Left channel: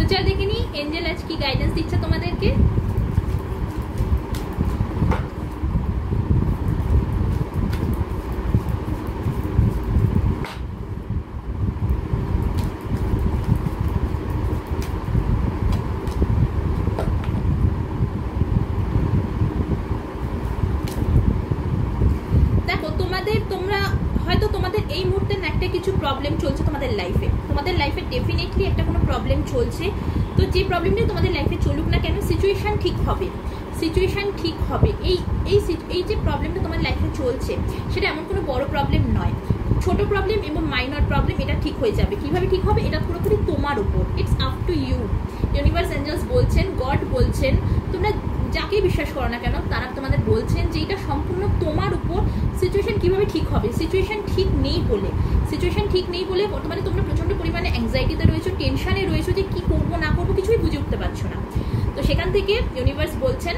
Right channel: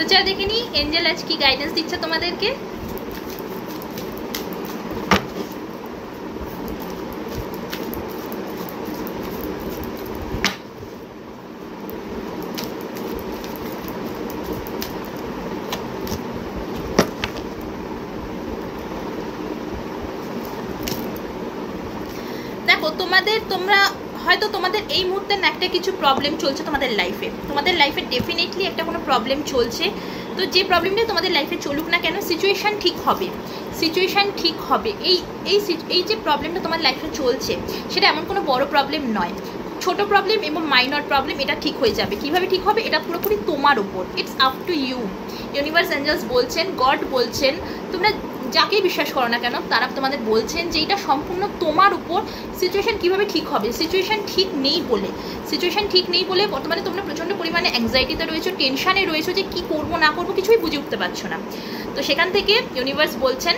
তো চলো দেখে নি এঞ্জেল আজ কি গাইডেন্স দিচ্ছে তোমাদেরকে। দেখো তোমরা হয়তো তোমাদের এই মুহূর্তে একটা কিছু প্রবলেম চলছে তোমাদের লাইফে ডেফিনেটলি একটা কোনো প্রবলেম চলছে। তো যে প্রবলেমটা তোমাদের লাইফে চলুক না কেন, সিচুয়েশান ঠিক হবে। এই যে প্রবলেমটা তোমার লাইফে চলছে সেটা এমন কোনো বড় প্রবলেম নয়, ছোট প্রবলেম এবং মাইনর প্রবলেম, এটা ঠিক হয়ে যাবে। কিভাবে ঠিক হবে এটা পুরোপুরি তোমার উপর, it's up to you. Universe angels বলছেন, গড বলছেন, তোমরা যাকেই বিশ্বাস করো না কেন তারা তোমাদের বলছেন যে এটা সম্পূর্ণ তোমার উপর। সিচুয়েশান কীভাবে ঠিক হবে, সিচুয়েশান ঠিক নেই বলে বর্তমানে তোমরা প্রচণ্ড পরিমাণে অ্যাংজাইটিতে রয়েছো, টেনশানে রয়েছো যে কী করবো না করবো কিছুই বুঝে উঠতে পারছো না। তো সেখান থেকে ইউনিভার্স বলছেন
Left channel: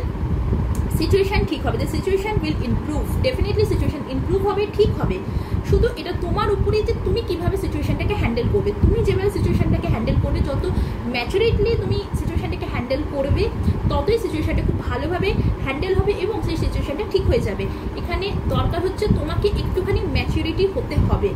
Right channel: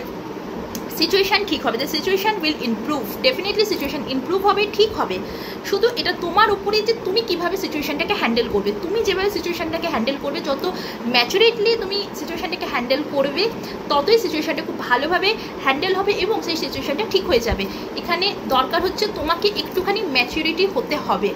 সিচুয়েশান ঠিক হবে, the situation will improve, definitely situation improve হবে, ঠিক হবে। শুধু এটা তোমার উপরে যে তুমি কীভাবে সিচুয়েশানটাকে হ্যান্ডেল করবে। তুমি যেভাবে সিচুয়েশানটাকে হ্যান্ডেল করবে, যত ম্যাচুরেটলি তুমি সিচুয়েশানটাকে হ্যান্ডেল করবে ততই সিচুয়েশানটা খুব ভালোভাবে হ্যান্ডেল হবে এবং সেই সিচুয়েশানটা ঠিক হয়ে যাবে। এখানে দরকার হচ্ছে তোমাকে একটুখানি ম্যাচুরিটি হতে হবে।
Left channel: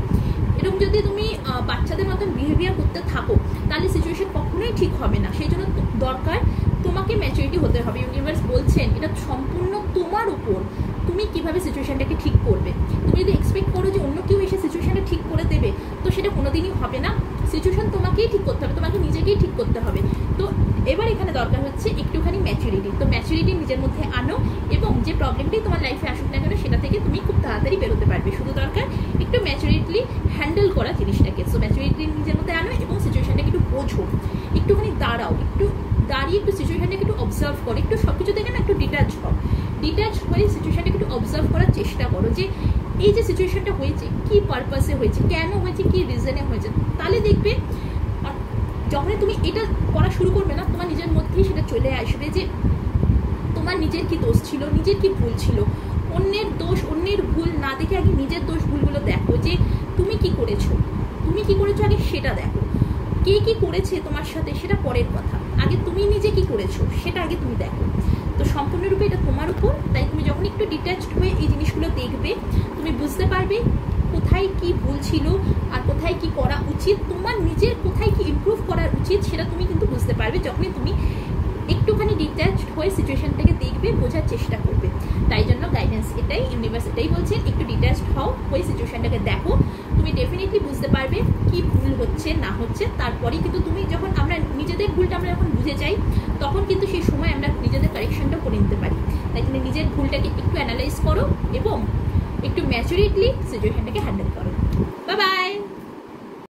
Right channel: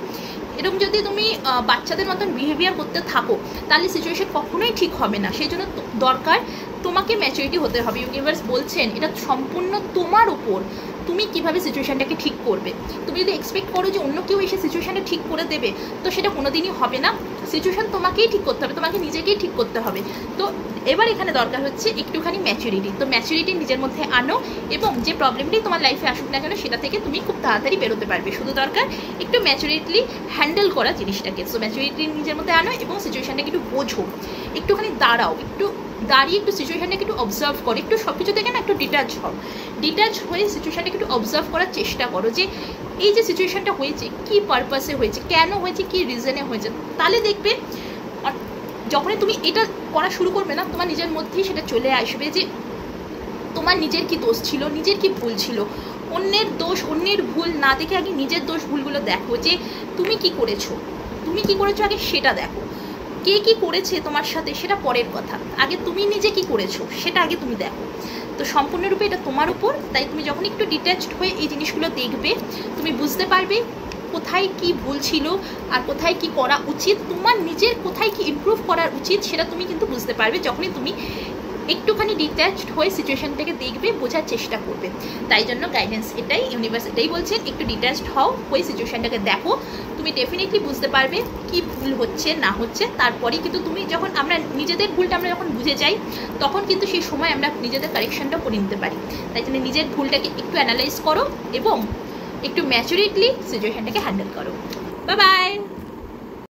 এরকম যদি তুমি বাচ্চাদের মতন বিহেভিয়ার করতে থাকো তাহলে সিচুয়েশান কখনোই ঠিক হবে না। সেই জন্য দরকার তোমাকে ম্যাচুরিটি হতে হবে। ইউনিভার্স বলছেন এটা সম্পূর্ণ তোমার উপর, তুমি কিভাবে সিচুয়েশানটাকে ঠিক করবে। তুমি যদি এক্সপেক্ট করো যে অন্য কেউ এসে সিচুয়েশানটা ঠিক করে দেবে তো সেটা কোনোদিনই হবে না। সিচুয়েশান তোমাকেই ঠিক করতে হবে, তোমাকে নিজেকেই ঠিক করতে হবে। তো এবার এখানে দরকার হচ্ছে একটুখানি ম্যাচুরিটি। তো ম্যাচুরিটি নিজের মধ্যে আনো এবং যে প্রবলেমটাই তোমার লাইফে আসুক না কেন সেটা থেকে তুমি খুব তাড়াতাড়ি বেরোতে পারবে। শুধু দরকার একটু ম্যাচুরিটলি হ্যান্ডেল করা জিনিসটাকে। সো ম্যাচুরিটি নিজের মধ্যে আনো এবং সিচুয়েশানটাকে একটু বোঝো, একটুখানি দাঁড়াও, দাঁড়িয়ে একটু সিচুয়েশানটাকে একটু অবজার্ভ করো, একটু সব কিছু থেকে না একটু ডিটাচ হয়ে সিচুয়েশানটাকে একটু অবজার্ভ করার চেষ্টা করো যে এই যে সিচুয়েশানটা হয়েছে কী পারপাসে হয়েছে, কেন হয়েছে, কী রিজনে হয়েছে। তাহলে দেখবে যখনই তুমি এটা করা শুরু করবে না তোমার নিজের মধ্যেই সেটা চলে আসবে যে তোমার নিজের কি দোষ ছিল, নিজের কি ভুল ছিল। অন্যের দোষ অন্যের ভুল না দেখে আগে নিজের দোষ ভুলগুলো দেখো যে তুমি কি করেছো আগে সেটা দেখো। কে কী করেছে তোমার সাথে সেটা পরের কথা, আগে তুমি নিজে কি করেছো সেটা আগে তুমি দেখো। তো সম্পূর্ণরূপে এটা তোমার উপর। তাই তুমি যখন একটু ডিট্যাচড হয়ে এই জিনিসগুলো দেখবে তুমি বুঝতে পারবে কোথায় কি ভুল ছিল আর কোথায় কি করা উচিত, তোমার নিজের কোথায় কি ইমপ্রুভ করার উচিত সেটা তুমি কিন্তু বুঝতে পারবে যখনই তুমি একটুখানি ডিট্যাচড হয়ে সিচুয়েশানটাকে দেখবে, বোঝার চেষ্টা করবে। তাই জন্য গাইডেন্স এটাই, ইউনিভার্স এটাই বলছেন, একটু ডিট্যাচড হও, হয়ে সিচুয়েশানটাকে দেখো, তুমি ডেফিনেটলি বুঝতে পারবে কি ভুল হচ্ছে না হচ্ছে। তারপরেই কিন্তু তুমি যখন আমরা নিজেদের ভুলটা আমরা যখন বুঝে যাই তখন কিন্তু সেই সময় আমরা নিজেদের কারেকশানটা করে নিতে পারি। তাই জন্য নিজের ভুলটাকে একটু অ্যানালাইজ করো এবং একটু ম্যাচুরিটলি সিচুয়েশানটাকে হ্যান্ডেল করো। Bye bye.